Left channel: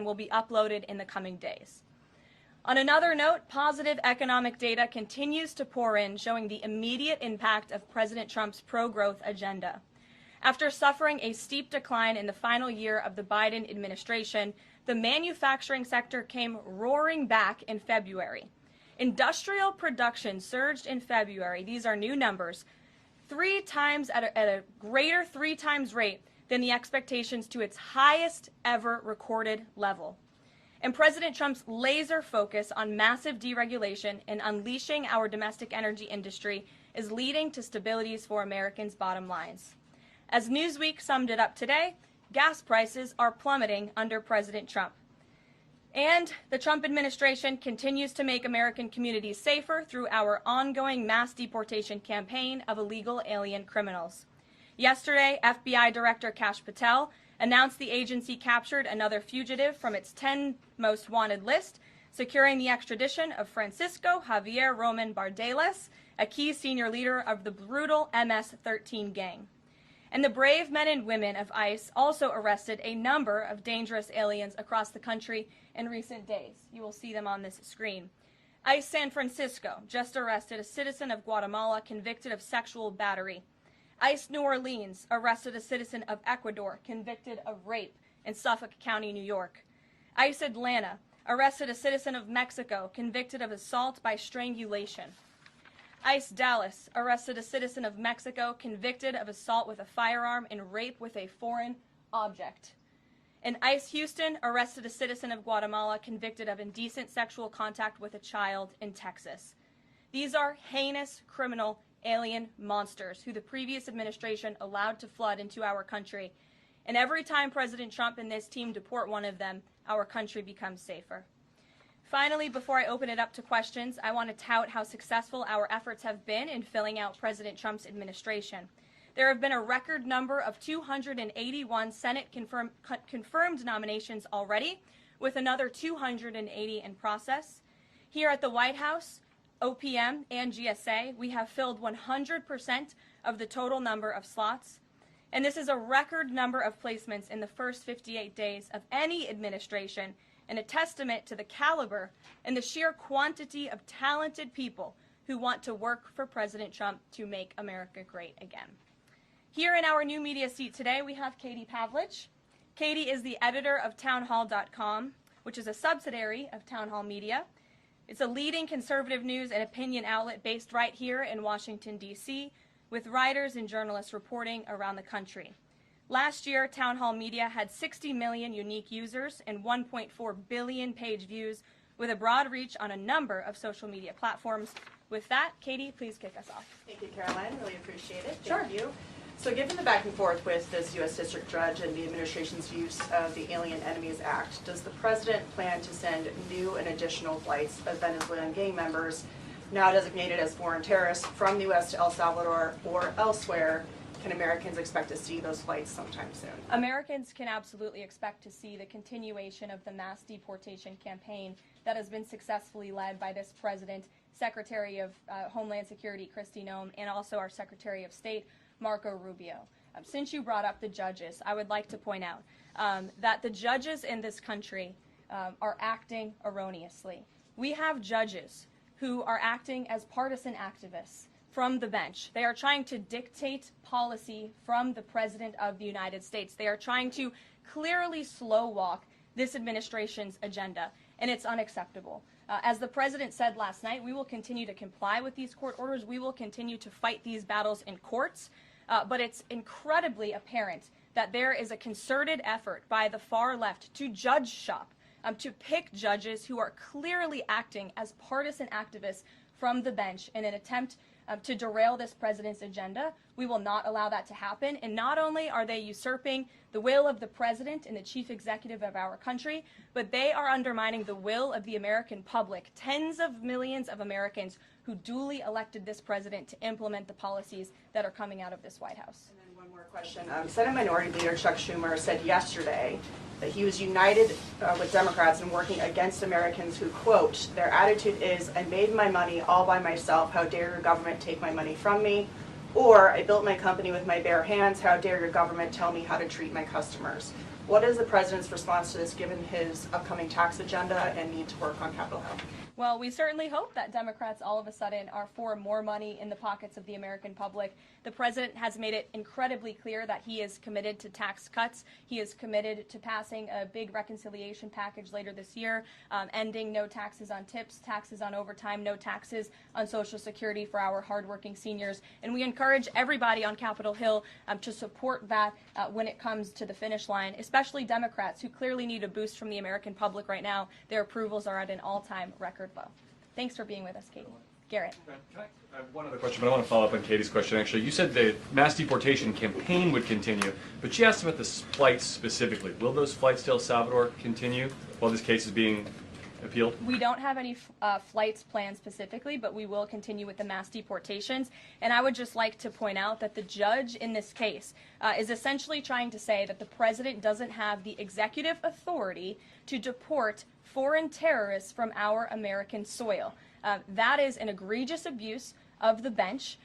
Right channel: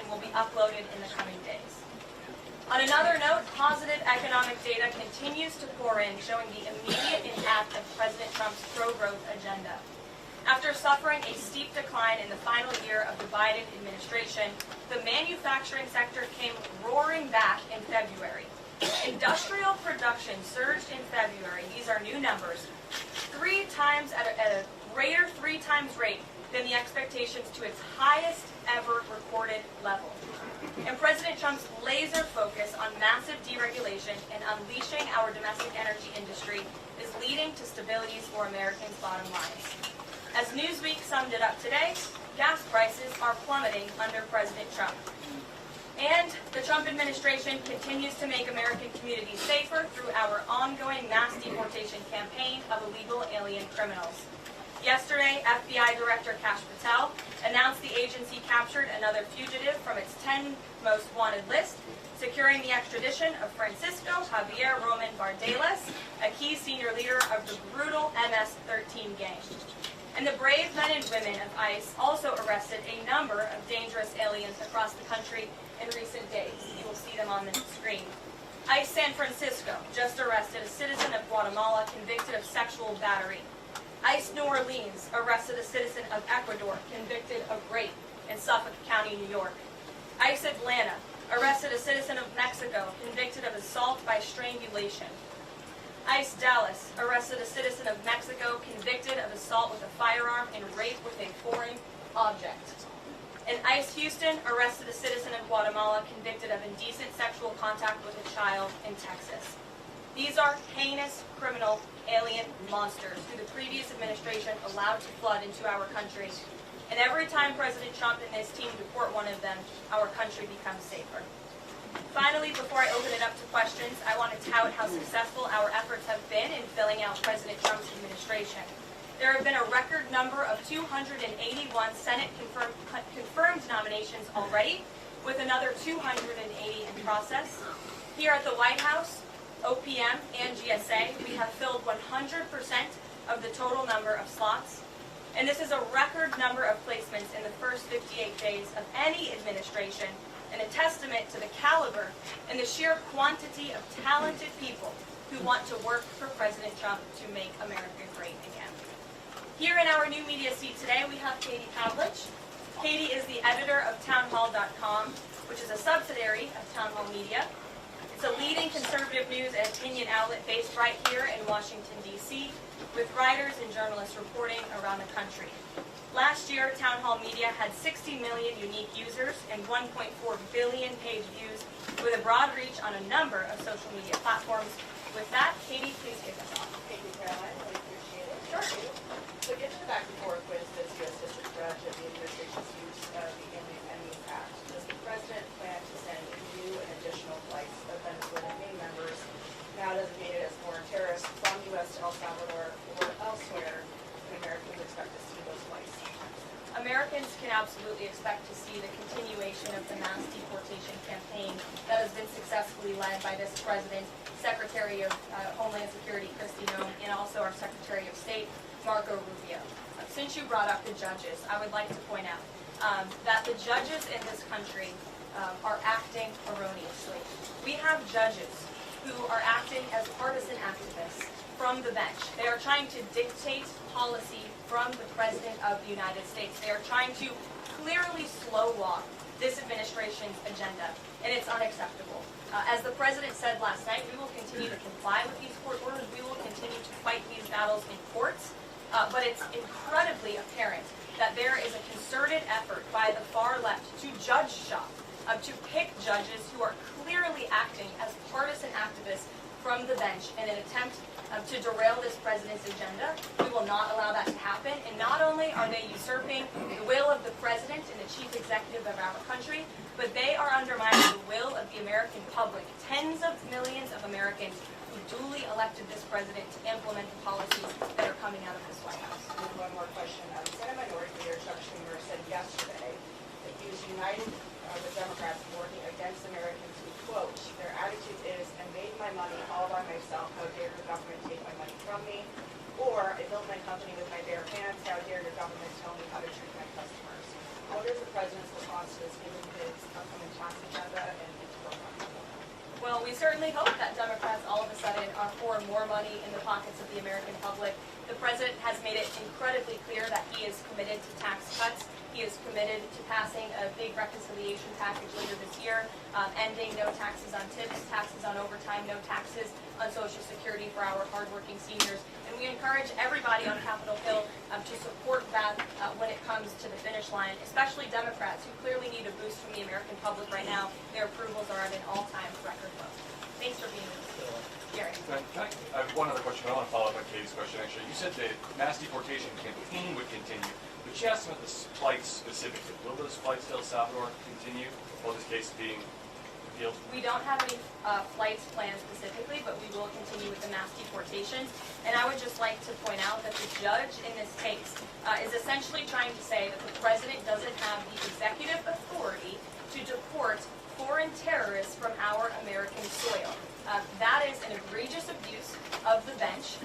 and will be uploaded in the coming days. On another note, positive economic data continues to pour in, showing the immediate impact of President Trump's pro-growth agenda. After suffering a steep decline in the final year of the Biden administration, the manufacturing sector came roaring back in February. Industrial production surged in February, these are new numbers, 3 times at a greater 3 times rate than the expectations to its highest ever recorded level. And President Trump's laser focus on massive deregulation and unleashing our domestic energy industry is leading to stability for Americans' bottom lines. As Newsweek summed it up today, gas prices are plummeting under President Trump. And the Trump administration continues to make American communities safer through our ongoing mass deportation campaign of illegal alien criminals. Yesterday, FBI Director Kash Patel announced the agency captured another fugitive from its 10 most wanted list, securing the extradition of Francisco Javier Roman Bardelas, a key senior leader of the brutal MS-13 gang. And the brave men and women of ICE also arrested a number of dangerous aliens across the country in recent days. You will see them on this screen. ICE San Francisco just arrested a citizen of Guatemala convicted of sexual battery. ICE New Orleans arrested a citizen of Ecuador convicted of rape in Suffolk County, New York. ICE Atlanta arrested a citizen of Mexico convicted of assault by strangulation. ICE Dallas arrested a citizen of Mexico convicted of assault with a firearm and rape with a foreign object. And ICE Houston arrested a citizen of Guatemala convicted of indecent sexual contact with a child in Texas. These are heinous criminal alien monsters who the previous administration allowed to flood into our country. And every time President Trump and his team deport one of them, our country becomes safer. Finally, before I open it up to questions, I want to tout how successful our efforts have been in filling out President Trump's administration. There have been a record number of 281 Senate confirmed nominations already, with another 280 in process. Here at the White House, OPM, and GSA, we have filled 100% of the total number of slots. And this is a record number of placements in the first 58 days of any administration, and a testament to the caliber and the sheer quantity of talented people who want to work for President Trump to make America great again. Here in our new media seat today, we have Katie Pavlich. Katie is the editor of townhall.com, which is a subsidiary of Town Hall Media. It's a leading conservative news and opinion outlet based right here in Washington, D.C., with writers and journalists reporting around the country. Last year, Town Hall Media had 60 million unique users and 1.4 billion page views, with a broad reach on a number of social media platforms. With that, Katie, please kick us off. Thank you, Caroline. Really appreciate it. Sure. Thank you. So given the back and forth with this U.S. District Judge and the administration's use of the Alien Enemies Act, does the President plan to send new and additional flights of Venezuelan gang members, now designated as foreign terrorists, from the U.S. to El Salvador or elsewhere? Can Americans expect to see those flights sometime soon? Americans can absolutely expect to see the continuation of the mass deportation campaign that has been successfully led by this President, Secretary of Homeland Security Kristi Noem, and also our Secretary of State, Marco Rubio. Since you brought up the judges, I would like to point out that the judges in this country are acting erroneously. We have judges who are acting as partisan activists from the bench. They are trying to dictate policy from the President of the United States. They are trying to clearly slow walk this administration's agenda, and it's unacceptable. As the President said last night, we will continue to comply with these court orders. We will continue to fight these battles in courts, but it's incredibly apparent that there is a concerted effort by the far left to judge shop, to pick judges who are clearly acting as partisan activists from the bench in an attempt to derail this President's agenda. We will not allow that to happen. And not only are they usurping the will of the President and the Chief Executive of our country, but they are undermining the will of the American public, tens of millions of Americans who duly elected this President to implement the policies that are coming out of this White House. One more question. Senate Minority Leader Chuck Schumer said yesterday that he was united with Democrats in working against Americans who, quote, their attitude is, I made my money all by myself, how dare your government take my money from me? Or, I built my company with my bare hands, how dare your government tell me how to treat my customers? What is the president's response to this, given his upcoming tax agenda and need to work on Capitol Hill? Well, we certainly hope that Democrats all of a sudden are pouring more money in the pockets of the American public. The president has made it incredibly clear that he is committed to tax cuts. He is committed to passing a big reconciliation package later this year, ending no taxes on tips, taxes on overtime, no taxes on Social Security for our hardworking seniors. And we encourage everybody on Capitol Hill to support that when it comes to the finish line, especially Democrats who clearly need a boost from the American public right now. Their approvals are at an all-time record low. Thanks for being with us, Gary. I have one other question, but I want to follow up on Katie's question, actually. You said the mass deportation campaign would continue, but she asked about the flights specifically. Will those flights to El Salvador continue while this case is being appealed? We don't have any flights planned specifically, but we will continue with the mass deportations. And I would just like to point out that the judge in this case is essentially trying to say that the president doesn't have the executive authority to deport foreign terrorists from our American soil. That is an egregious abuse of the bench.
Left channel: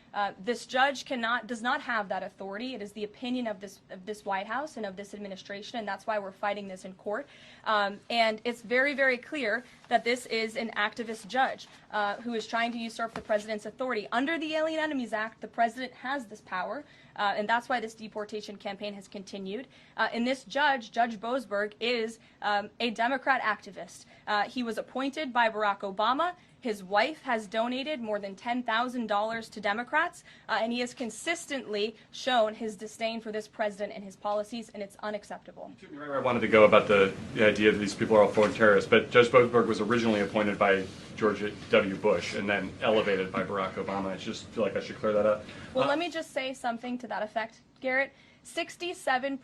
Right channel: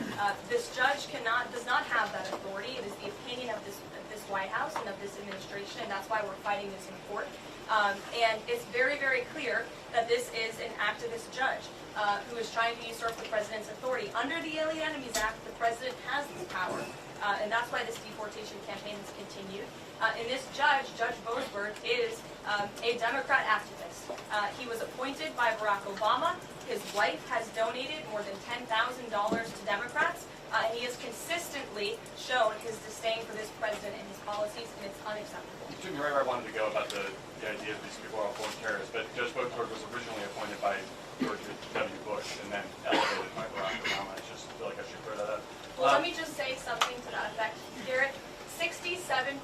This judge does not have that authority. It is the opinion of this White House and of this administration. That's why we're fighting this in court. And it's very, very clear that this is an activist judge who is trying to usurp the president's authority. Under the Alien Enemies Act, the president has this power, and that's why this deportation campaign has continued. And this judge, Judge Boasberg, is a Democrat activist. He was appointed by Barack Obama. His wife has donated more than $10,000 to Democrats, and he has consistently shown his disdain for this president and his policies, and it's unacceptable. I wanted to go about the idea that these people are all foreign terrorists, but Judge Boasberg was originally appointed by George W. Bush and then elevated by Barack Obama. I just feel like I should clear that up. Well, let me just say something to that effect, Garrett. 67%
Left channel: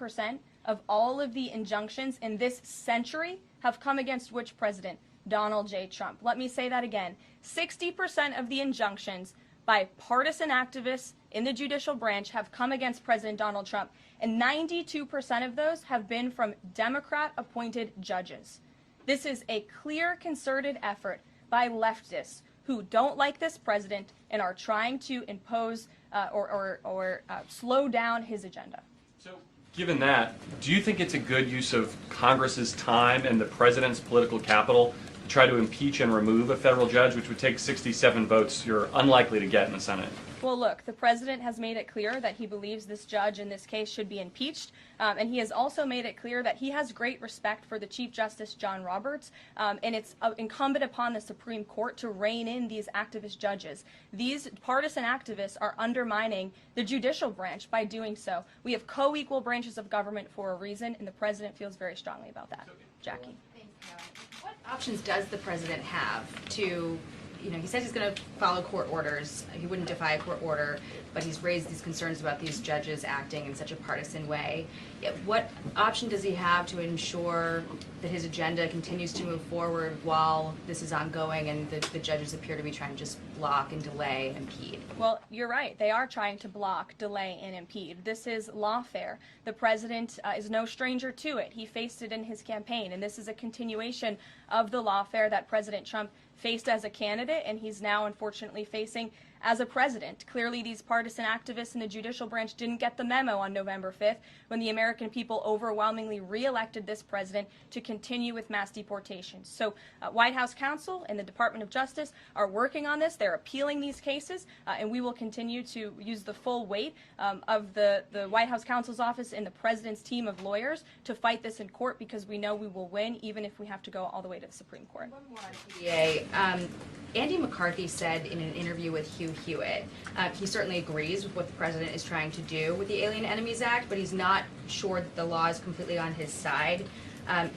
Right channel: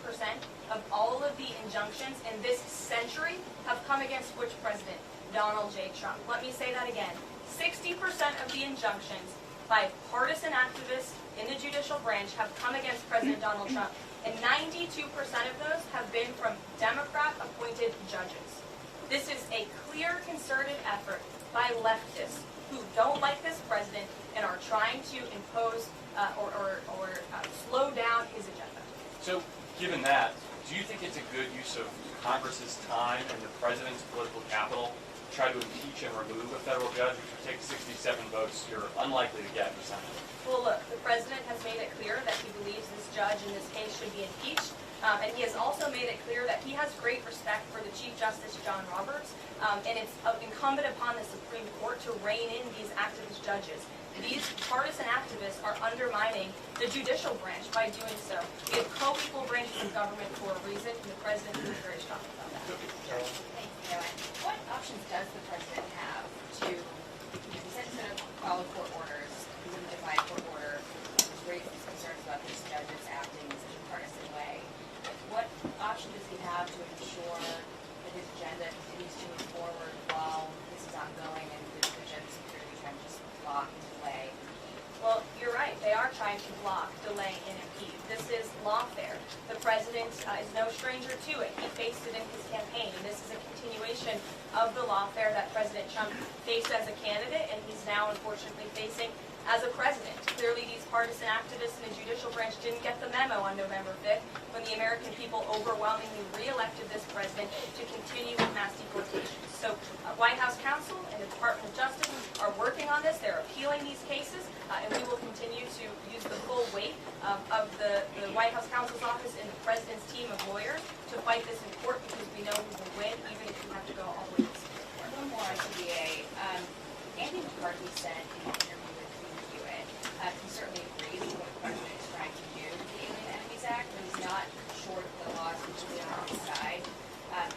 of all of the injunctions in this century have come against which president? Donald J. Trump. Let me say that again. 60% of the injunctions by partisan activists in the judicial branch have come against President Donald Trump, and 92% of those have been from Democrat-appointed judges. This is a clear, concerted effort by leftists who don't like this president and are trying to impose or slow down his agenda. So, given that, do you think it's a good use of Congress's time and the president's political capital to try to impeach and remove a federal judge, which would take 67 votes you're unlikely to get in the Senate? Well, look, the president has made it clear that he believes this judge in this case should be impeached, and he has also made it clear that he has great respect for the Chief Justice John Roberts, and it's incumbent upon the Supreme Court to rein in these activist judges. These partisan activists are undermining the judicial branch by doing so. We have co-equal branches of government for a reason, and the president feels very strongly about that. Jackie. What options does the president have to, he says he's going to follow court orders, he wouldn't defy a court order, but he's raised these concerns about these judges acting in such a partisan way. What option does he have to ensure that his agenda continues to move forward while this is ongoing and the judges appear to be trying to just block and delay and impede? Well, you're right. They are trying to block, delay, and impede. This is lawfare. The president is no stranger to it. He faced it in his campaign, and this is a continuation of the lawfare that President Trump faced as a candidate, and he's now unfortunately facing as a president. Clearly, these partisan activists in the judicial branch didn't get the memo on November 5th when the American people overwhelmingly re-elected this president to continue with mass deportations. So White House counsel and the Department of Justice are working on this. They're appealing these cases, and we will continue to use the full weight of the White House counsel's office and the president's team of lawyers to fight this in court, because we know we will win even if we have to go all the way to the Supreme Court. One more on TDA. Andy McCarthy said in an interview with Hugh Hewitt, he certainly agrees with what the president is trying to do with the Alien Enemies Act, but he's not sure that the law is completely on his side.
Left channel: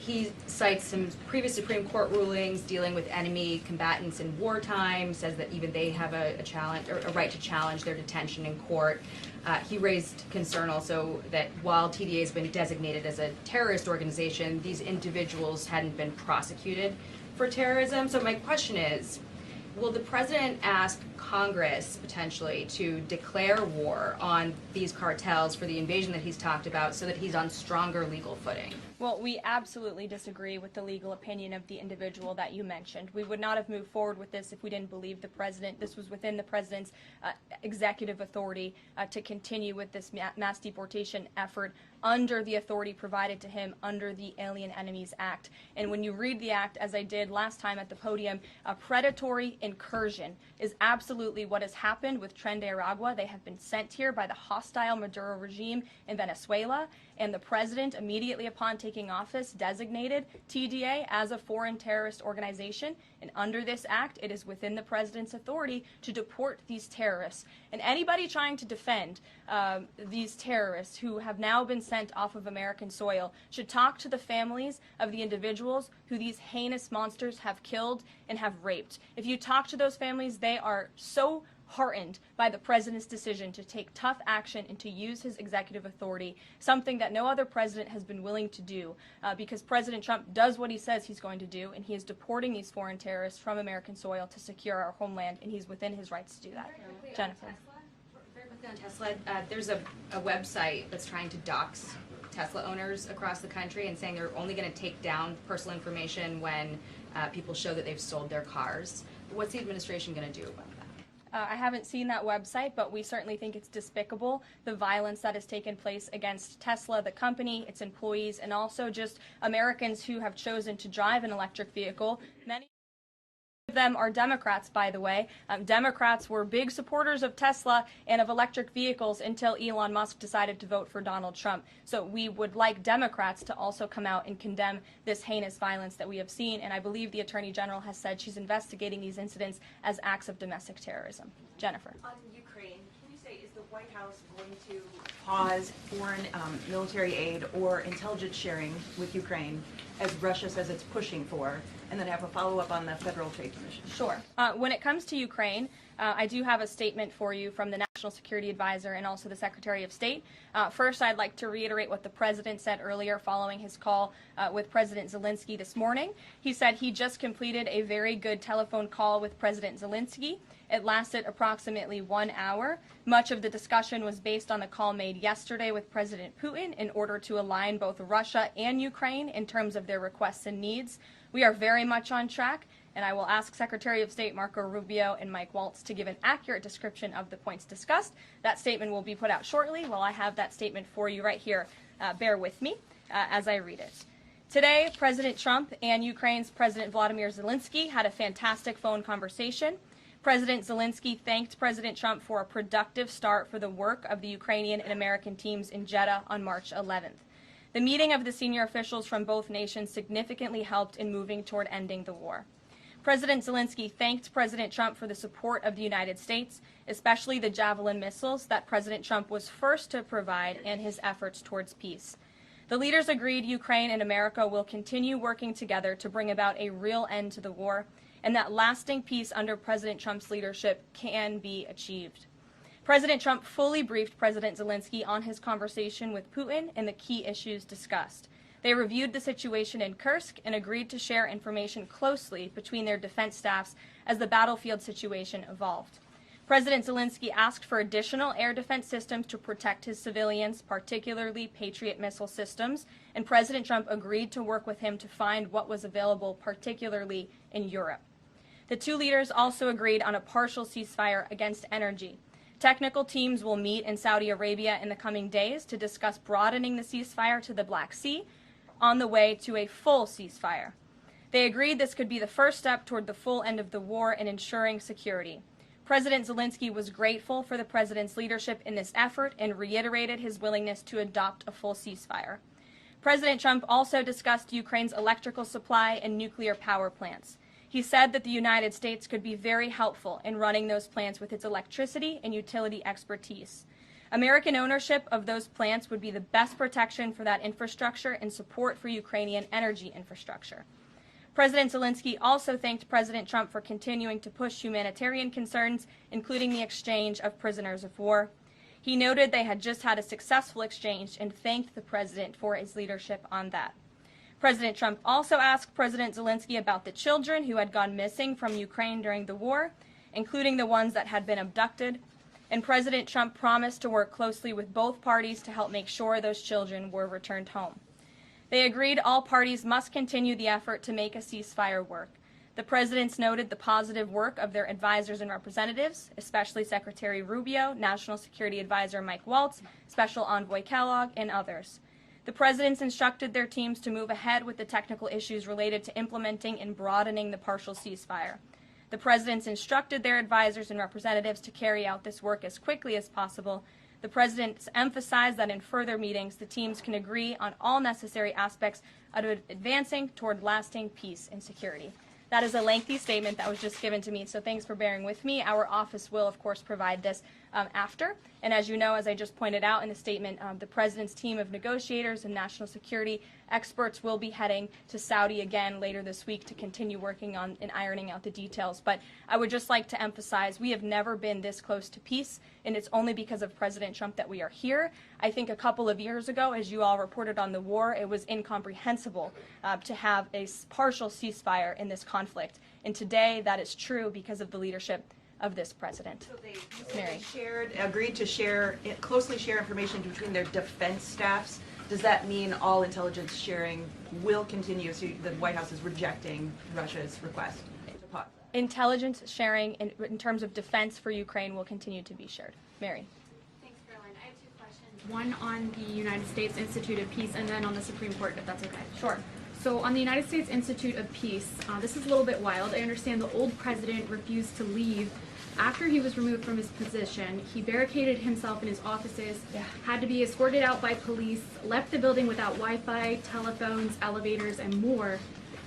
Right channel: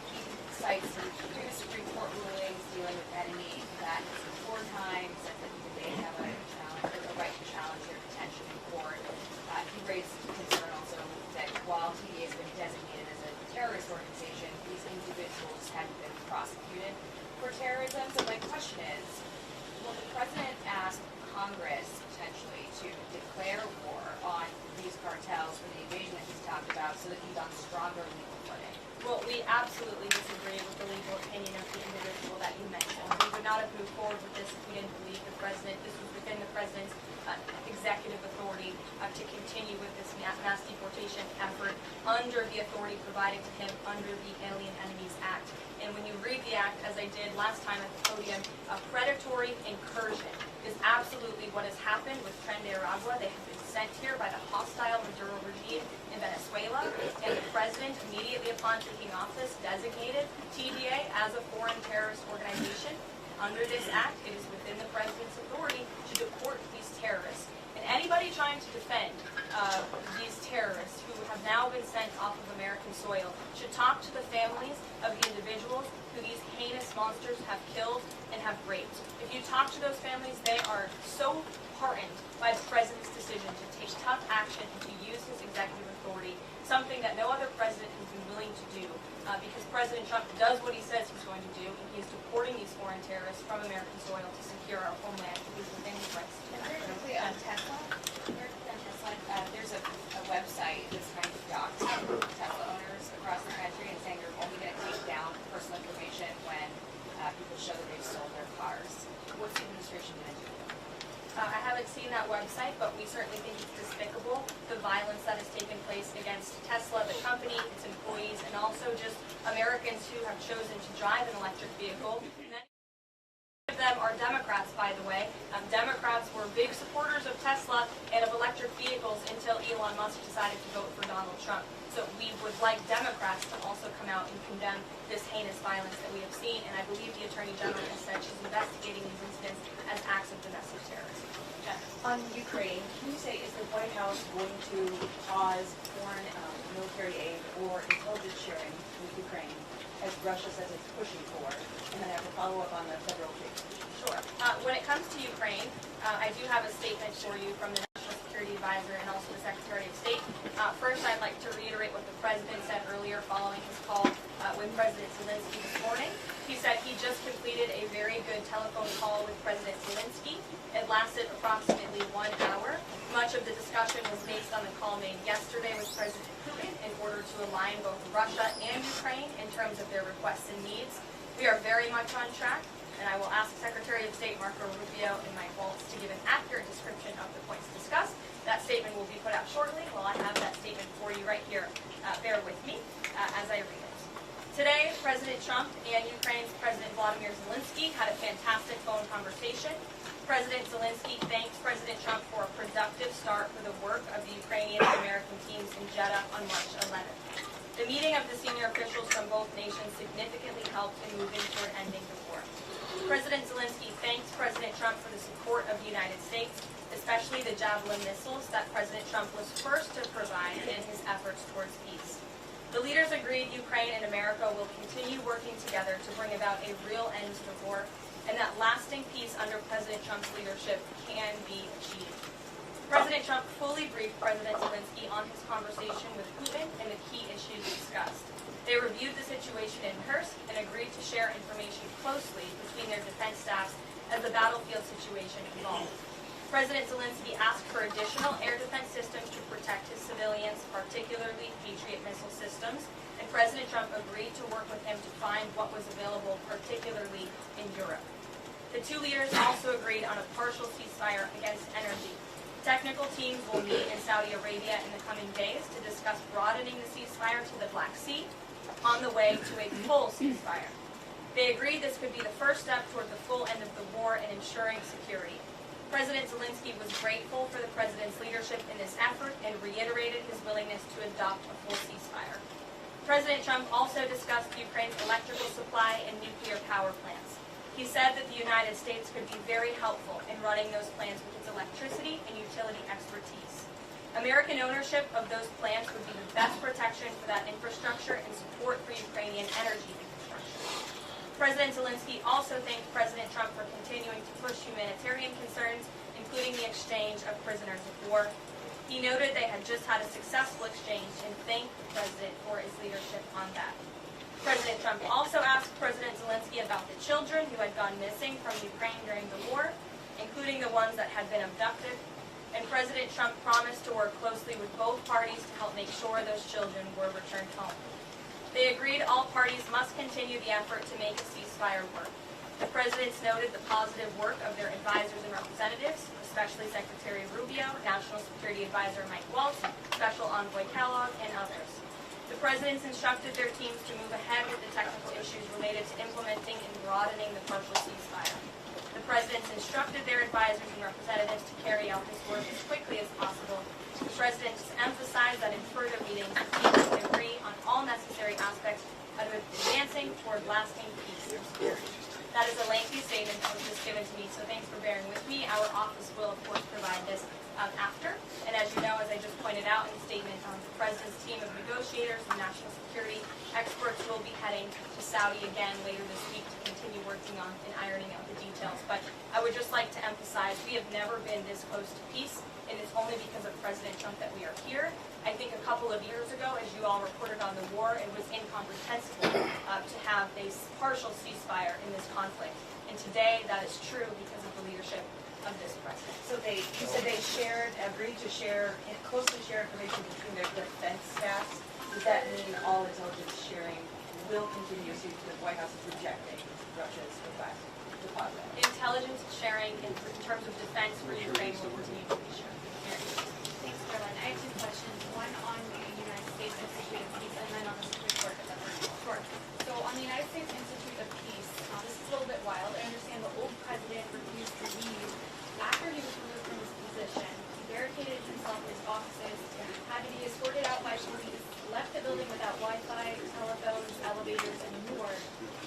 He cites some previous Supreme Court rulings dealing with enemy combatants in wartime, says that even they have a right to challenge their detention in court. He raised concern also that while TDA has been designated as a terrorist organization, these individuals hadn't been prosecuted for terrorism. So my question is, will the president ask Congress potentially to declare war on these cartels for the invasion that he's talked about so that he's on stronger legal footing? Well, we absolutely disagree with the legal opinion of the individual that you mentioned. We would not have moved forward with this if we didn't believe the president. This was within the president's executive authority to continue with this mass deportation effort under the authority provided to him under the Alien Enemies Act. And when you read the act, as I did last time at the podium, a predatory incursion is absolutely what has happened with Tren de Aragua. They have been sent here by the hostile Maduro regime in Venezuela, and the president, immediately upon taking office, designated TDA as a foreign terrorist organization. And under this act, it is within the president's authority to deport these terrorists. And anybody trying to defend these terrorists who have now been sent off of American soil should talk to the families of the individuals who these heinous monsters have killed and have raped. If you talk to those families, they are so heartened by the president's decision to take tough action and to use his executive authority, something that no other president has been willing to do, because President Trump does what he says he's going to do, and he is deporting these foreign terrorists from American soil to secure our homeland, and he's within his rights to do that. There's a website that's trying to dox Tesla owners across the country and saying they're only going to take down personal information when people show that they've sold their cars. What's the administration going to do? I haven't seen that website, but we certainly think it's despicable, the violence that has taken place against Tesla, the company, its employees, and also just Americans who have chosen to drive an electric vehicle. Many of them are Democrats, by the way. Democrats were big supporters of Tesla and of electric vehicles until Elon Musk decided to vote for Donald Trump. So we would like Democrats to also come out and condemn this heinous violence that we have seen, and I believe the Attorney General has said she's investigating these incidents as acts of domestic terrorism. Jennifer. On Ukraine, can you say, is the White House going to pause foreign military aid or intelligence sharing with Ukraine as Russia says it's pushing for? And then have a follow-up on the Federal Trade Commission. Sure. When it comes to Ukraine, I do have a statement for you from the National Security Advisor and also the Secretary of State. First, I'd like to reiterate what the President said earlier following his call with President Zelensky this morning. He said he just completed a very good telephone call with President Zelensky. It lasted approximately 1 hour. Much of the discussion was based on the call made yesterday with President Putin in order to align both Russia and Ukraine in terms of their requests and needs. We are very much on track, and I will ask Secretary of State Marco Rubio and Mike Waltz to give an accurate description of the points discussed. That statement will be put out shortly. While I have that statement for you right here, bear with me as I read it. Today, President Trump and Ukraine's President Vladimir Zelensky had a fantastic phone conversation. President Zelensky thanked President Trump for a productive start for the work of the Ukrainian and American teams in Jeddah on March 11th. The meeting of the senior officials from both nations significantly helped in moving toward ending the war. President Zelensky thanked President Trump for the support of the United States, especially the Javelin missiles that President Trump was first to provide in his efforts towards peace. The leaders agreed Ukraine and America will continue working together to bring about a real end to the war, and that lasting peace under President Trump's leadership can be achieved. President Trump fully briefed President Zelensky on his conversation with Putin and the key issues discussed. They reviewed the situation in Kursk and agreed to share information closely between their defense staffs as the battlefield situation evolved. President Zelensky asked for additional air defense systems to protect his civilians, particularly Patriot missile systems, and President Trump agreed to work with him to find what was available, particularly in Europe. The two leaders also agreed on a partial ceasefire against energy. Technical teams will meet in Saudi Arabia in the coming days to discuss broadening the ceasefire to the Black Sea on the way to a full ceasefire. They agreed this could be the first step toward the full end of the war and ensuring security. President Zelensky was grateful for the president's leadership in this effort and reiterated his willingness to adopt a full ceasefire. President Trump also discussed Ukraine's electrical supply and nuclear power plants. He said that the United States could be very helpful in running those plants with its electricity and utility expertise. American ownership of those plants would be the best protection for that infrastructure and support for Ukrainian energy infrastructure. President Zelensky also thanked President Trump for continuing to push humanitarian concerns, including the exchange of prisoners of war. He noted they had just had a successful exchange and thanked the president for his leadership on that. President Trump also asked President Zelensky about the children who had gone missing from Ukraine during the war. including the ones that had been abducted, and President Trump promised to work closely with both parties to help make sure those children were returned home. They agreed all parties must continue the effort to make a ceasefire work. The presidents noted the positive work of their advisors and representatives, especially Secretary Rubio, National Security Advisor Mike Waltz, Special Envoy Kellogg, and others. The presidents instructed their teams to move ahead with the technical issues related to implementing and broadening the partial ceasefire. The presidents instructed their advisors and representatives to carry out this work as quickly as possible. The presidents emphasized that in further meetings, the teams can agree on all necessary aspects of advancing toward lasting peace and security. That is a lengthy statement that was just given to me, so thanks for bearing with me. Our office will, of course, provide this after. And as you know, as I just pointed out in the statement, the President's team of negotiators and national security experts will be heading to Saudi again later this week to continue working on and ironing out the details. But I would just like to emphasize we have never been this close to peace, and it's only because of President Trump that we are here. I think a couple of years ago, as you all reported on the war, it was incomprehensible to have a partial ceasefire in this conflict. And today, that is true because of the leadership of this president. So they agreed to closely share information between their defense staffs. Does that mean all intelligence sharing will continue? So the White House is rejecting Russia's request to pause it? Intelligence sharing in terms of defense for Ukraine will continue to be shared. Mary. Thanks, Caroline. I have two questions. One on the United States Institute of Peace and then on the Supreme Court, if that's okay. Sure. So on the United States Institute of Peace, this is a little bit wild. I understand the old president refused to leave. After he was removed from his position, he barricaded himself in his offices, had to be escorted out by police, left the building without Wi-Fi, telephones, elevators, and more,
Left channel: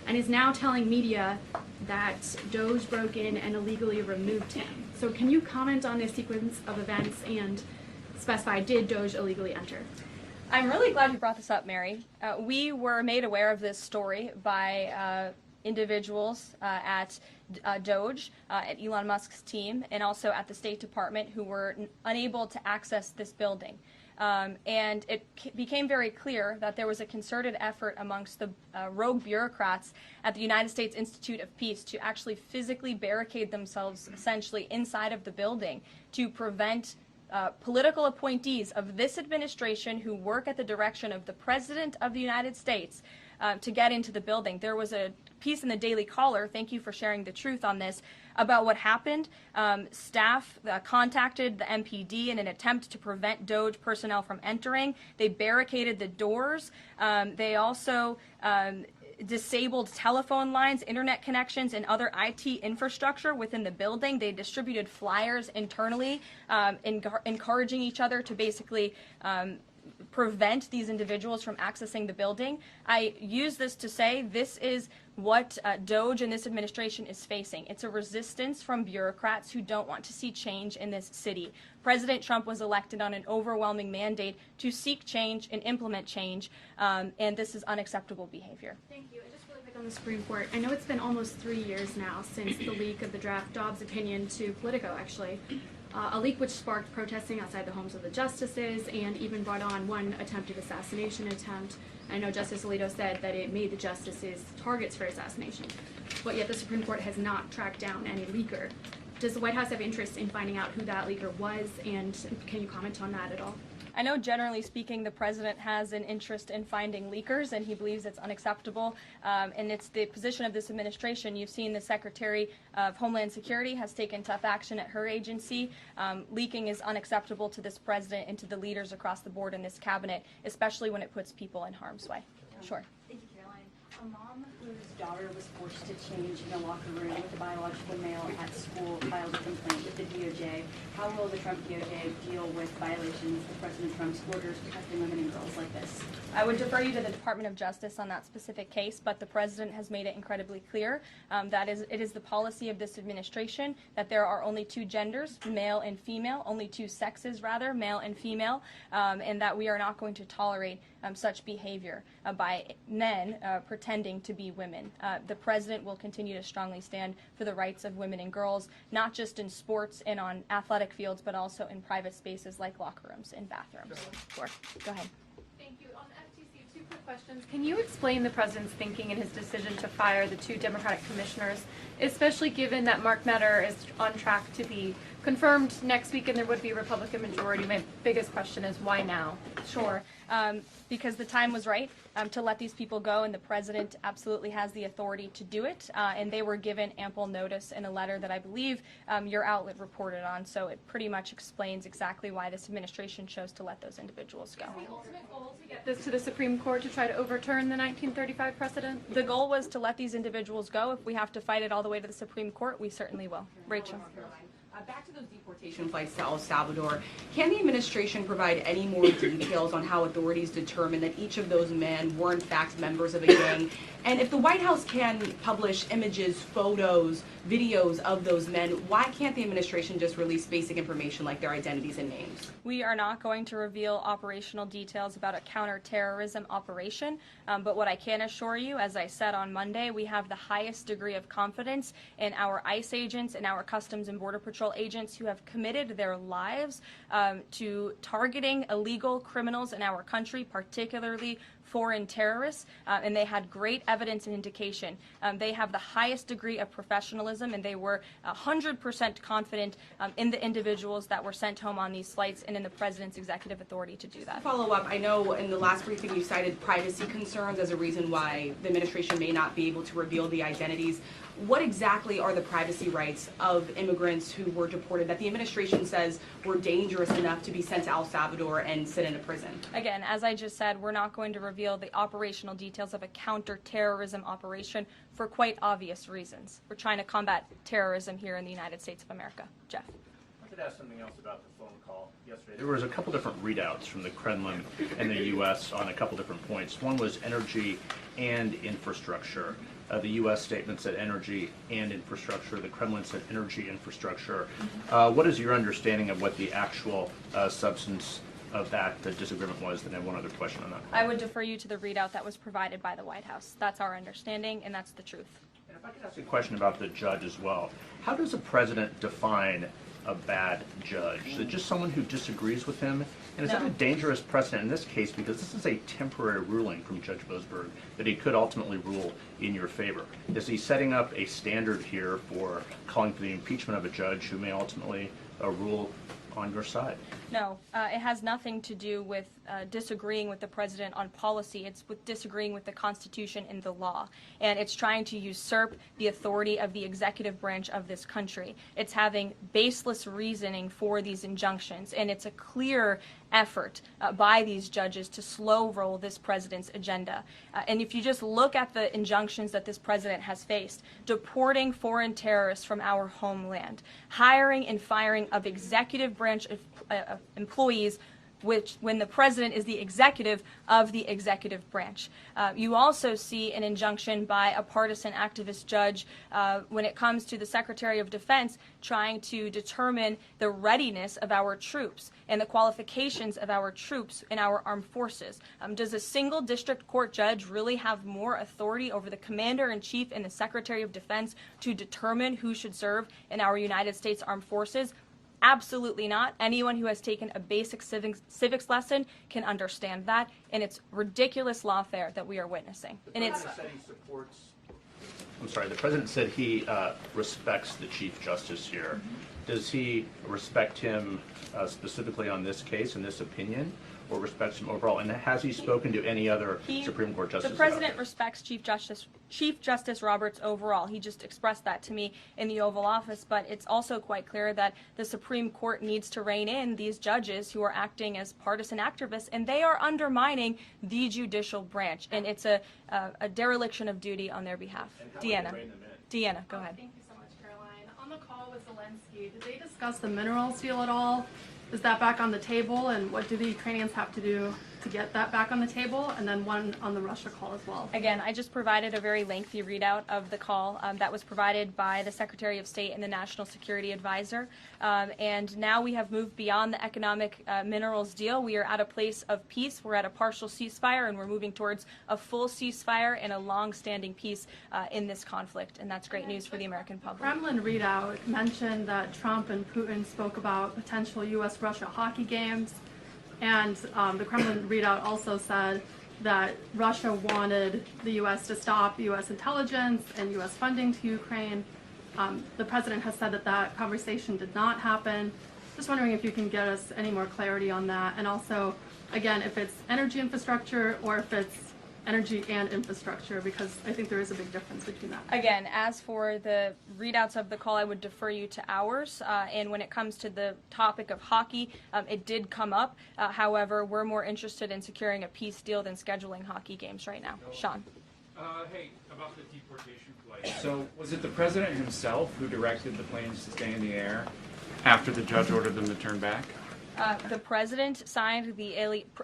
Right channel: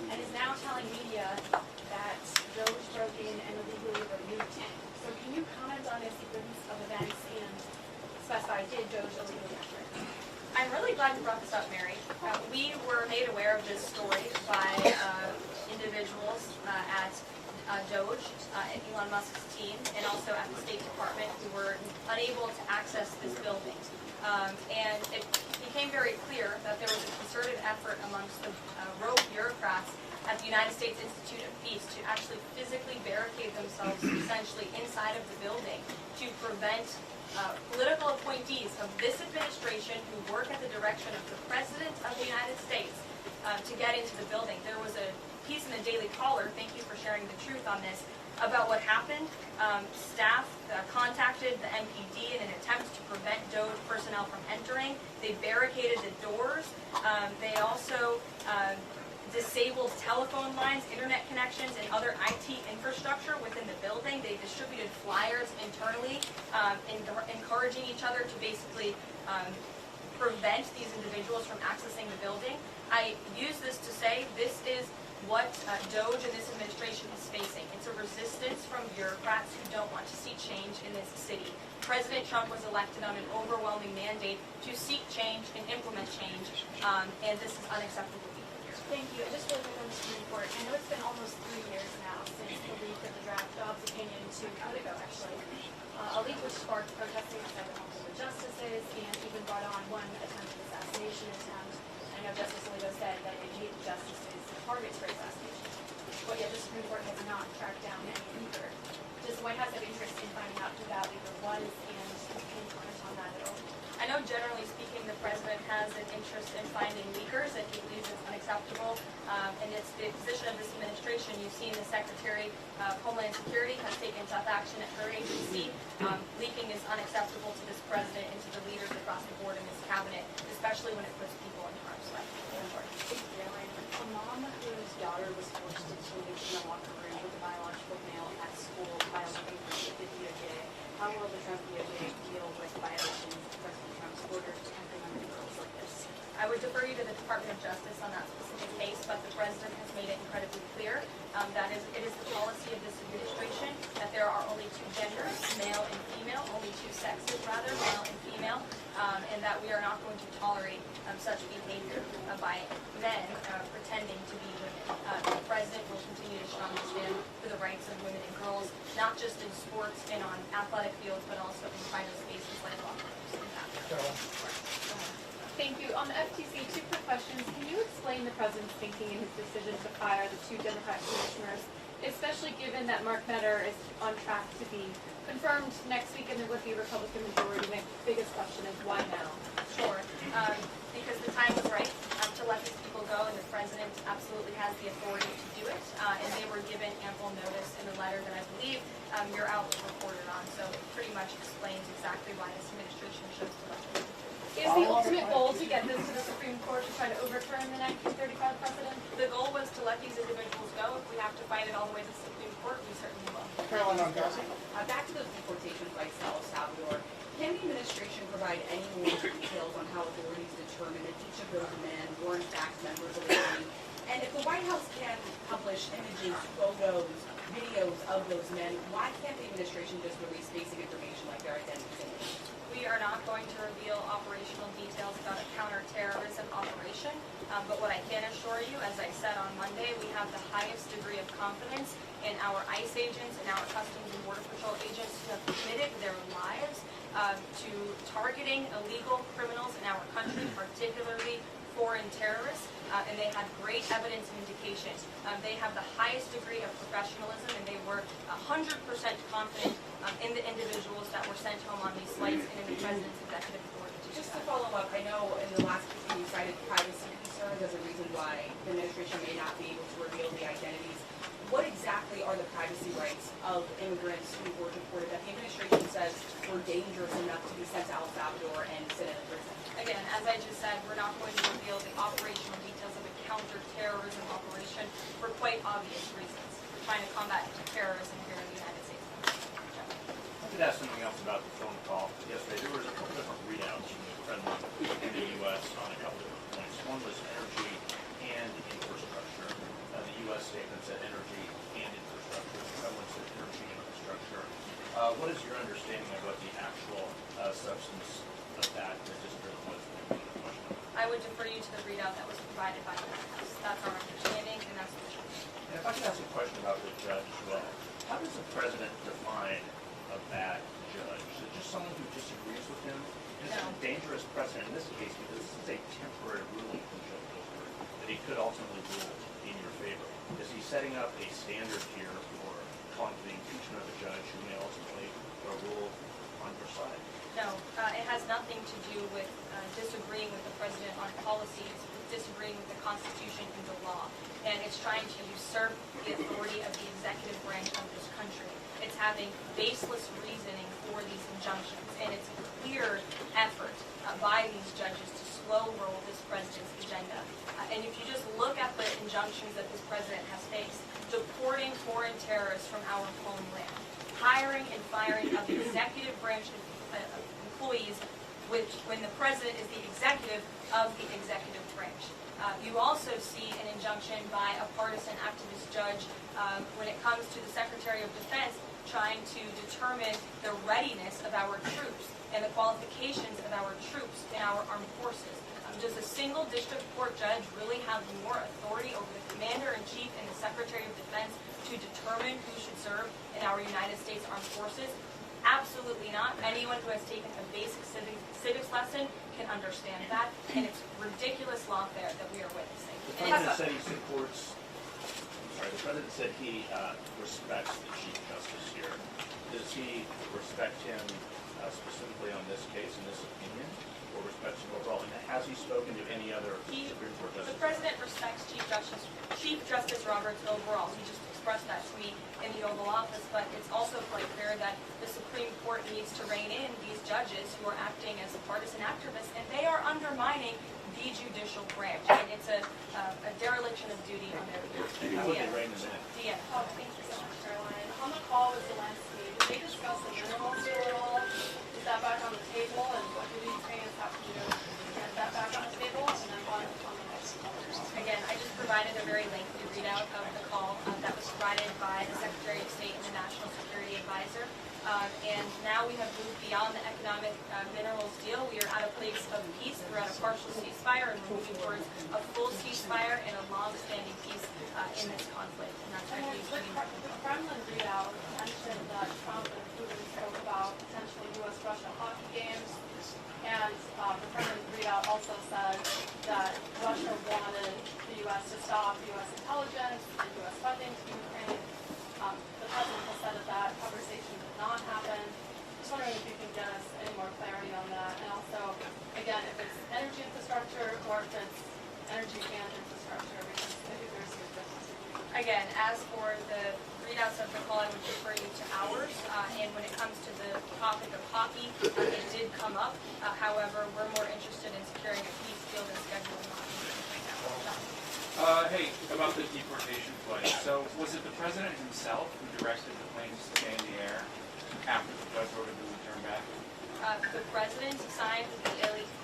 and is now telling media that Doge broke in and illegally removed him. So can you comment on this sequence of events and specify, did Doge illegally enter? I'm really glad you brought this up, Mary. We were made aware of this story by individuals at Doge, at Elon Musk's team, and also at the State Department who were unable to access this building. And it became very clear that there was a concerted effort amongst the rogue bureaucrats at the United States Institute of Peace to actually physically barricade themselves essentially inside of the building to prevent political appointees of this administration who work at the direction of the President of the United States to get into the building. There was a piece in the Daily Caller, thank you for sharing the truth on this, about what happened. Staff contacted the MPD in an attempt to prevent Doge personnel from entering. They barricaded the doors. They also disabled telephone lines, internet connections, and other IT infrastructure within the building. They distributed flyers internally, encouraging each other to basically prevent these individuals from accessing the building. I use this to say this is what Doge and this administration is facing. It's a resistance from bureaucrats who don't want to see change in this city. President Trump was elected on an overwhelming mandate to seek change and implement change, and this is unacceptable behavior. Thank you. I just really quick on the Supreme Court. I know it's been almost 3 years now since the leak of the draft Dobbs opinion to Politico, actually. A leak which sparked protesting outside the homes of the justices and even brought on one attempted assassination attempt. I know Justice Alito said that it made the justices targets for assassinations, but yet the Supreme Court has not tracked down any leaker. Does the White House have interest in finding out who that leaker was, and can you comment on that at all? I know generally speaking the president has an interest in finding leakers and he believes it's unacceptable and it's the position of this administration. You've seen the Secretary of Homeland Security has taken tough action at her agency. Leaking is unacceptable to this president and to the leaders across the board in this cabinet, especially when it puts people in harm's way. Sure. A mom whose daughter was forced to change in the locker room with a biological male at school filed a complaint with the DOJ. How will the Trump DOJ deal with violations of President Trump's orders protecting women in cases like this? I would defer you to the Department of Justice on that specific case, but the president has made it incredibly clear that it is the policy of this administration that there are only two genders, male and female, only two sexes rather, male and female, and that we are not going to tolerate such behavior by men pretending to be women. The president will continue to strongly stand for the rights of women and girls, not just in sports and on athletic fields, but also in private spaces like locker rooms and bathrooms. Go ahead. Thank you. On the FTC, two quick questions. Can you explain the president's thinking in his decision to fire the two Democratic commissioners especially given that Mark Meadow is on track to be confirmed next week and there would be a Republican majority. My biggest question is why now? Sure, because the time was right to let these people go, and the president absolutely has the authority to do it. And they were given ample notice in a letter that I believe your outlet reported on. So it pretty much explains exactly why this administration chose to let those individuals go. Is the ultimate goal to get this to the Supreme Court to try to overturn the 1935 precedent? The goal was to let these individuals go. If we have to fight it all the way to the Supreme Court, we certainly will. Back to the deportation flights to El Salvador. Can the administration provide any more details on how authorities determined that each of those men were in fact members of a gang? And if the White House can publish images, photos, videos of those men, why can't the administration just release basic information like their identities and names? We are not going to reveal operational details about a counterterrorism operation, but what I can assure you, as I said on Monday, we have the highest degree of confidence in our ICE agents and our Customs and Border Patrol agents who have committed their lives to targeting illegal criminals in our country, particularly foreign terrorists, and they had great evidence and indication. They have the highest degree of professionalism, and they were 100% confident in the individuals that were sent home on these flights and in the President's executive authority to do Just to that. follow up, I know in the last briefing you cited privacy concerns as a reason why the administration may not be able to reveal the identities. What exactly are the privacy rights of immigrants who were deported that the administration says were dangerous enough to be sent to El Salvador and sit in a prison? Again, as I just said, we're not going to reveal the operational details of a counterterrorism operation for quite obvious reasons. We're trying to combat terrorism here in the United States of America. Jeff. I did ask something else about the phone call yesterday. There was a couple different readouts from the Kremlin and the U.S. on a couple different points. One was energy and infrastructure. The U.S. statement said energy and infrastructure. The Kremlin said energy infrastructure. What is your understanding of what the actual substance of that disagreement was? And then one other question on that. I would defer you to the readout that was provided by the White House. That's our understanding, and that's the truth. And if I could ask a question about the judge as well. How does the president define a bad judge? Is it just someone who disagrees with him? And is that a dangerous precedent in this case, because this is a temporary ruling from Judge Boasberg that he could ultimately rule in your favor? Is he setting up a standard here for calling for the impeachment of a judge who may ultimately rule on your side? No, it has nothing to do with disagreeing with the president on policy. It's with disagreeing with the Constitution and the law. And it's trying to usurp the authority of the executive branch of this country. It's having baseless reasoning for these injunctions. And it's a clear effort by these judges to slow roll this president's agenda. And if you just look at the injunctions that this president has faced, deporting foreign terrorists from our homeland, hiring and firing of executive branch employees, which when the president is the executive of the executive branch. You also see an injunction by a partisan activist judge when it comes to the Secretary of Defense trying to determine the readiness of our troops and the qualifications of our troops in our armed forces. Does a single district court judge really have more authority over the Commander-in-Chief and the Secretary of Defense to determine who should serve in our United States Armed Forces? Absolutely not. Anyone who has taken a basic civics lesson can understand that, and it's ridiculous lawfare that we are witnessing. And The it's president said he supports. I'm sorry, the president said he respects the Chief Justice here. Does he respect him specifically on this case and this opinion, or respects him overall? And has he spoken to any other Supreme Court justices? The president respects Chief Justice Roberts overall. He just expressed that to me in the Oval Office, but it's also quite clear that the Supreme Court needs to rein in these judges who are acting as partisan activists, and they are undermining the judicial branch, and it's a dereliction of duty on their behalf. Deanna, go ahead. Thank you so much, Caroline. On the call with Zelensky, did they discuss the minerals deal at all? Is that back on the table, and what do the Ukrainians have to do to get that back on the table? And then one on the Russia call as well. Again, I just provided a very lengthy readout of the call that was provided by the Secretary of State and the National Security Advisor. And now we have moved beyond the economic minerals deal. We are at a place of peace. We're at a partial ceasefire, and we're moving towards a full ceasefire and a long-standing peace in this conflict. And that's great news for the American public. Kremlin readout mentioned that Trump and Putin spoke about potential U.S.-Russia hockey games. And the Kremlin readout also said that Russia wanted the U.S. to stop U.S. intelligence and U.S. funding to Ukraine. The president has said that that conversation did not happen. Just wondering if you can get us any more clarity on that, and also, again, if it's energy infrastructure or if it's energy and infrastructure, because I think there is a big difference between that. Again, as for the readouts of the call, I would defer you to ours. And when it comes to the topic of hockey, it did come up. However, we're more interested in securing a peace deal than scheduling hockey games right now. Sean. Hey, about the deportation flight. So, was it the president himself who directed the planes to stay in the air after the judge ordered them to turn back? The president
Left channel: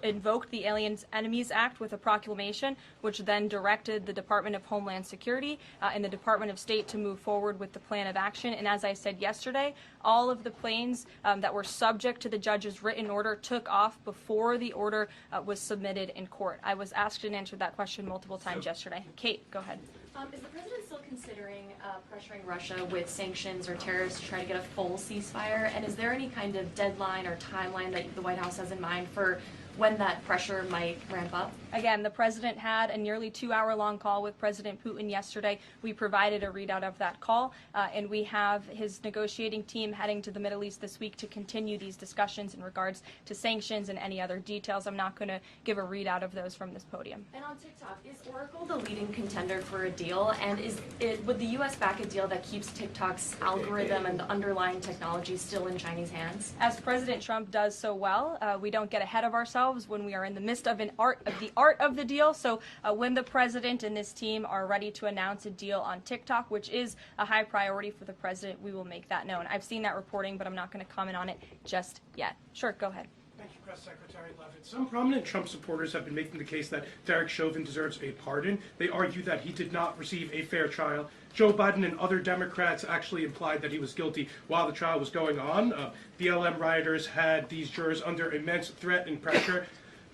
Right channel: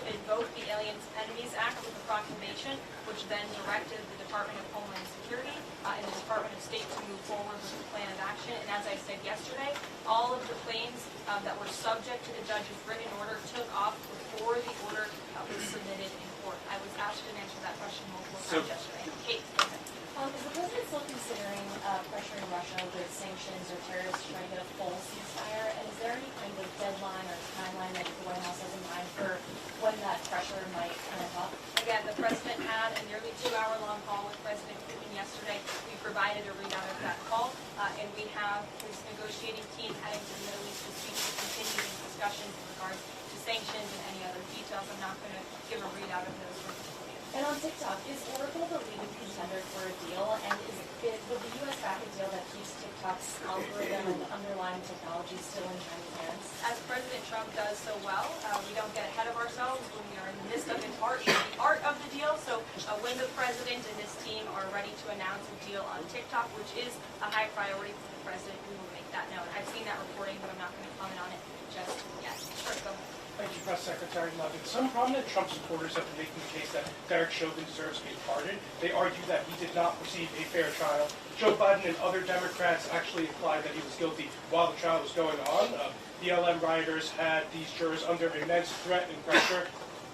invoked the Aliens Enemies Act with a proclamation, which then directed the Department of Homeland Security and the Department of State to move forward with the plan of action. And as I said yesterday, all of the planes that were subject to the judge's written order took off before the order was submitted in court. I was asked and answered that question multiple times yesterday. Kate, go ahead. Is the president still considering pressuring Russia with sanctions or tariffs to try to get a full ceasefire? And is there any kind of deadline or timeline that the White House has in mind for when that pressure might ramp up? Again, the president had a nearly 2-hour-long call with President Putin yesterday. We provided a readout of that call, and we have his negotiating team heading to the Middle East this week to continue these discussions in regards to sanctions and any other details. I'm not going to give a readout of those from this podium. And on TikTok, is Oracle the leading contender for a deal? And would the U.S. back a deal that keeps TikTok's algorithm and the underlying technology still in Chinese hands? As President Trump does so well, we don't get ahead of ourselves when we are in the midst of the art of the deal. So when the president and his team are ready to announce a deal on TikTok, which is a high priority for the president, we will make that known. I've seen that reporting, but I'm not going to comment on it just yet. Sure, go ahead. Thank you, Press Secretary Levitt. Some prominent Trump supporters have been making the case that Derek Chauvin deserves a pardon. They argue that he did not receive a fair trial. Joe Biden and other Democrats actually implied that he was guilty while the trial was going on. BLM rioters had these jurors under immense threat and pressure.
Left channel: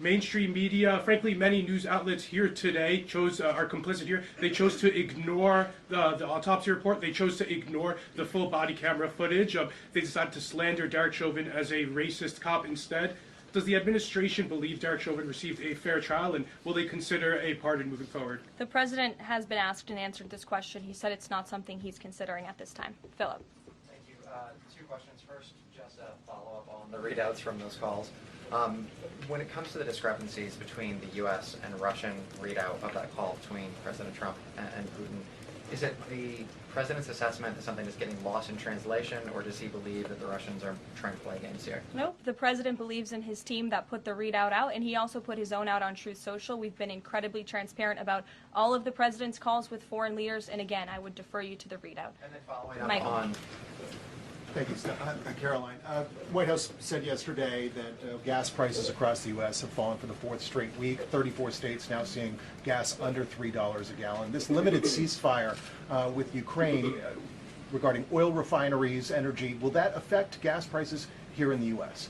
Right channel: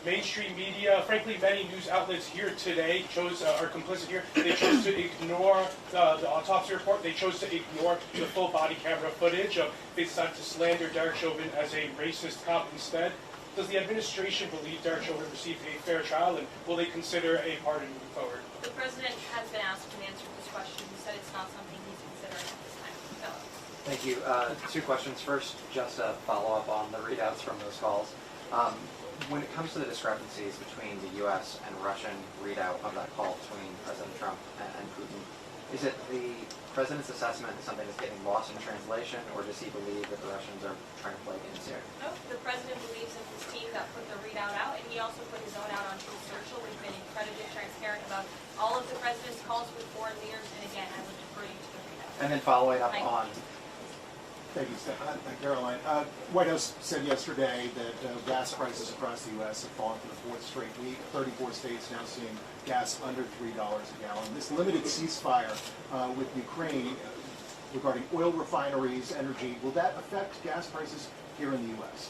Mainstream media, frankly, many news outlets here today are complicit here. They chose to ignore the autopsy report. They chose to ignore the full body camera footage. They decided to slander Derek Chauvin as a racist cop instead. Does the administration believe Derek Chauvin received a fair trial, and will they consider a pardon moving forward? The president has been asked and answered this question. He said it's not something he's considering at this time. Philip. Thank you. 2 questions. First, just a follow-up on the readouts from those calls. When it comes to the discrepancies between the U.S. and Russian readout of that call between President Trump and Putin, is it the president's assessment is something that's getting lost in translation, or does he believe that the Russians are trying to play games here? No, the president believes in his team that put the readout out, and he also put his own out on Truth Social. We've been incredibly transparent about all of the president's calls with foreign leaders, and again, I would defer you to the readout. And then following up Michael. on... Thank you, Caroline. White House said yesterday that gas prices across the U.S. have fallen for the 4th straight week. 34 states now seeing gas under $3 a gallon. This limited ceasefire with Ukraine regarding oil refineries, energy, will that affect gas prices here in the U.S.?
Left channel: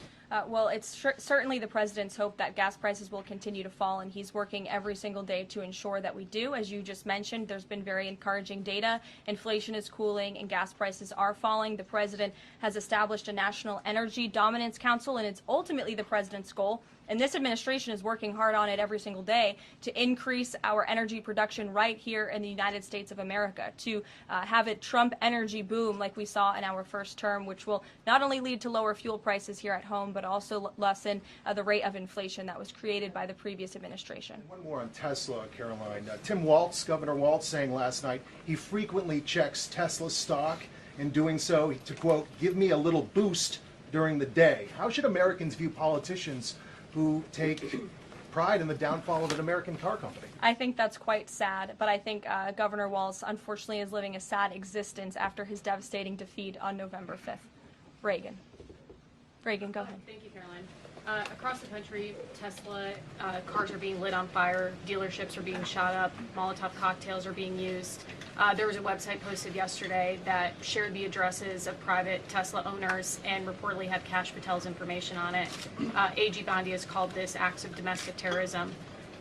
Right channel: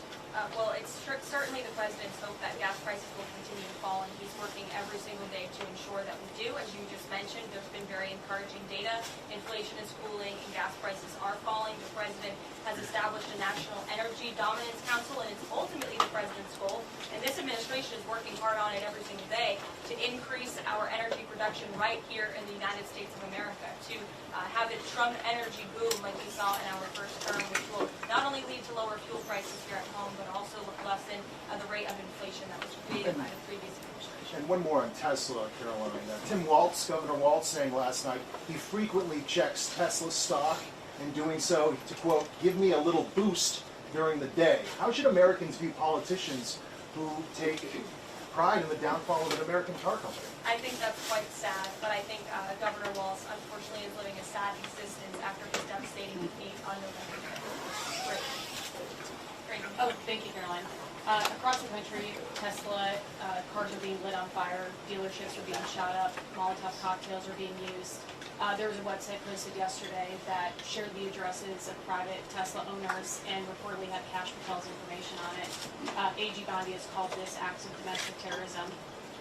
Well, it's certainly the president's hope that gas prices will continue to fall, and he's working every single day to ensure that we do. As you just mentioned, there's been very encouraging data. Inflation is cooling and gas prices are falling. The president has established a National Energy Dominance Council, and it's ultimately the president's goal, and this administration is working hard on it every single day, to increase our energy production right here in the United States of America, to have a Trump energy boom like we saw in our first term, which will not only lead to lower fuel prices here at home, but also lessen the rate of inflation that was created by the previous administration. And one more on Tesla, Caroline. Tim Walz, Governor Walz, saying last night he frequently checks Tesla stock, in doing so to, quote, give me a little boost during the day. How should Americans view politicians who take pride in the downfall of an American car company? I think that's quite sad, but I think Governor Walz unfortunately is living a sad existence after his devastating defeat on November 5th. Reagan, go ahead. Thank you, Caroline. Across the country, Tesla cars are being lit on fire, dealerships are being shot up, Molotov cocktails are being used. There was a website posted yesterday that shared the addresses of private Tesla owners and reportedly had Kash Patel's information on it. A.G. Bondi has called this acts of domestic terrorism.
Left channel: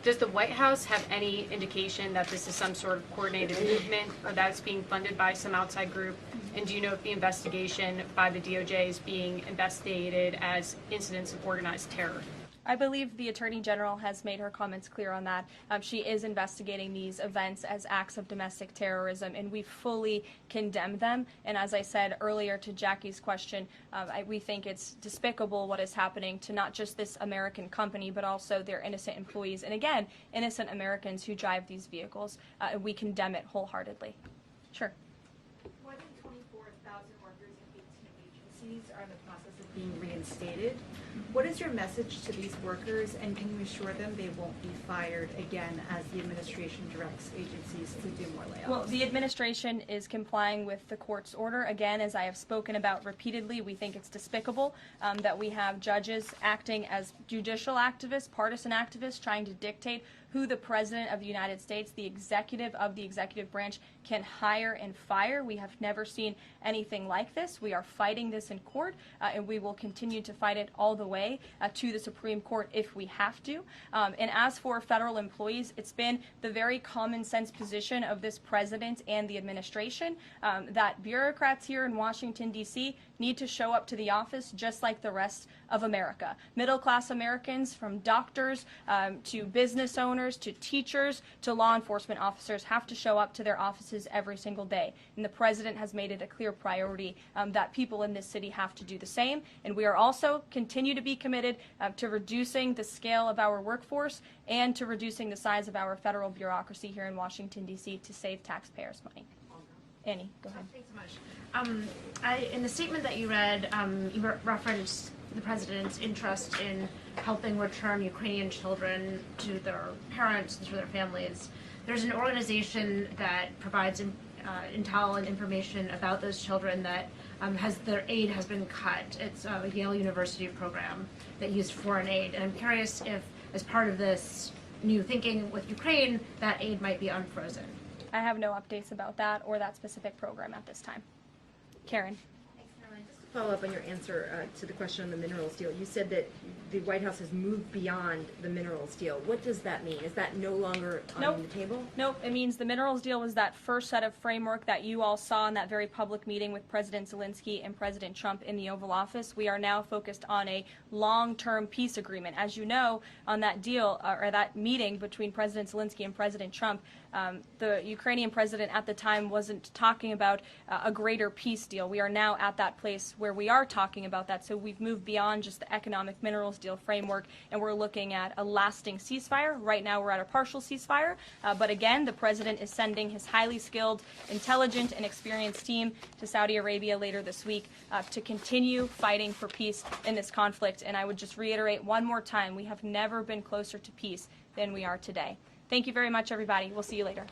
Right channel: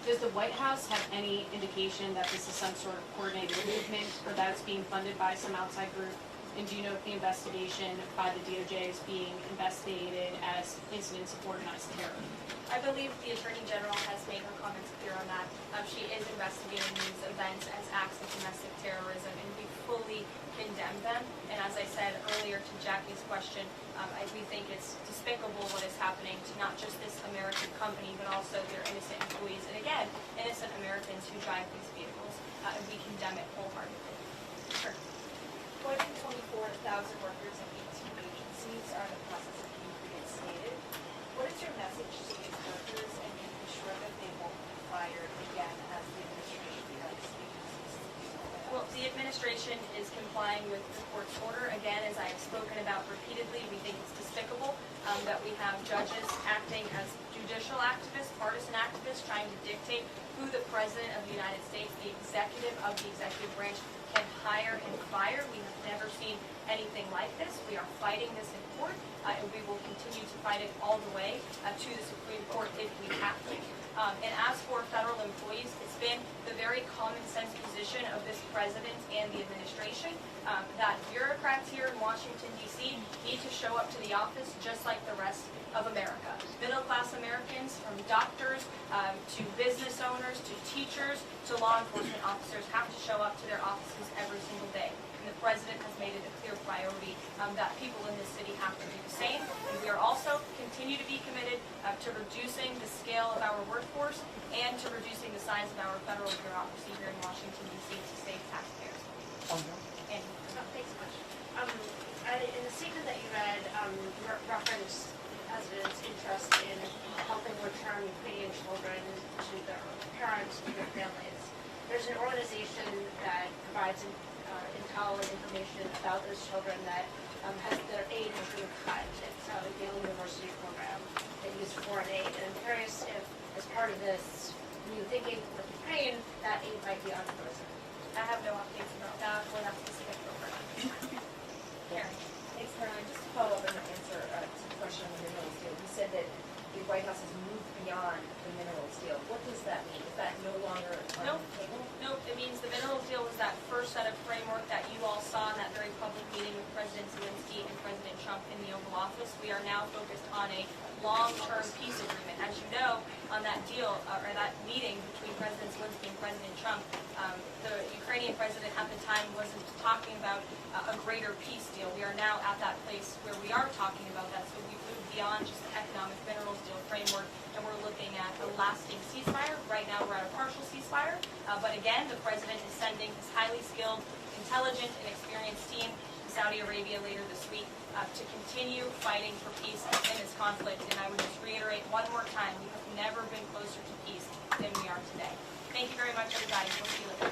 Does the White House have any indication that this is some sort of coordinated movement, or that it's being funded by some outside group? And do you know if the investigation by the DOJ is being investigated as incidents of organized terror? I believe the Attorney General has made her comments clear on that. She is investigating these events as acts of domestic terrorism, and we fully condemn them. And as I said earlier to Jackie's question, we think it's despicable what is happening to not just this American company, but also their innocent employees, and again, innocent Americans who drive these vehicles. And we condemn it wholeheartedly. Sure. More than 24,000 workers in 18 agencies are in the process of being reinstated. What is your message to these workers, and can you assure them they won't be fired again as the administration directs agencies to do more layoffs? Well, the administration is complying with the court's order. Again, as I have spoken about repeatedly, we think it's despicable that we have judges acting as judicial activists, partisan activists, trying to dictate who the President of the United States, the executive of the executive branch, can hire and fire. We have never seen anything like this. We are fighting this in court, and we will continue to fight it all the way to the Supreme Court if we have to. And as for federal employees, it's been the very common sense position of this president and the administration that bureaucrats here in Washington, D.C. need to show up to the office just like the rest of America. Middle-class Americans, from doctors to business owners to teachers to law enforcement officers, have to show up to their offices every single day. And the president has made it a clear priority that people in this city have to do the same. And we are also continue to be committed to reducing the scale of our workforce and to reducing the size of our federal bureaucracy here in Washington, D.C. to save taxpayers' money. Annie, go ahead. In the statement that you read, you referenced the president's interest in helping return Ukrainian children to their parents, to their families. There's an organization that provides intel and information about those children that their aid has been cut. It's a Yale University program that used foreign aid. And I'm curious if, as part of this new thinking with Ukraine, that aid might be unfrozen. I have no updates about that or that specific program at this time. Karen. Thanks, Caroline. Just to follow up on your answer to the question on the minerals deal, you said that the White House has moved beyond the minerals deal. What does that mean? Is that no longer on the table? Nope, it means the minerals deal was that first set of framework that you all saw in that very public meeting with President Zelensky and President Trump in the Oval Office. We are now focused on a long-term peace agreement. As you know, on that deal, or that meeting between President Zelensky and President Trump, the Ukrainian president at the time wasn't talking about a greater peace deal. We are now at that place where we are talking about that, so we've moved beyond just the economic minerals deal framework, and we're looking at a lasting ceasefire. Right now we're at a partial ceasefire, but again, the president is sending his highly skilled, intelligent, and experienced team to Saudi Arabia later this week to continue fighting for peace in this conflict. And I would just reiterate one more time, we have never been closer to peace than we are today. Thank you very much, everybody. We'll see you later.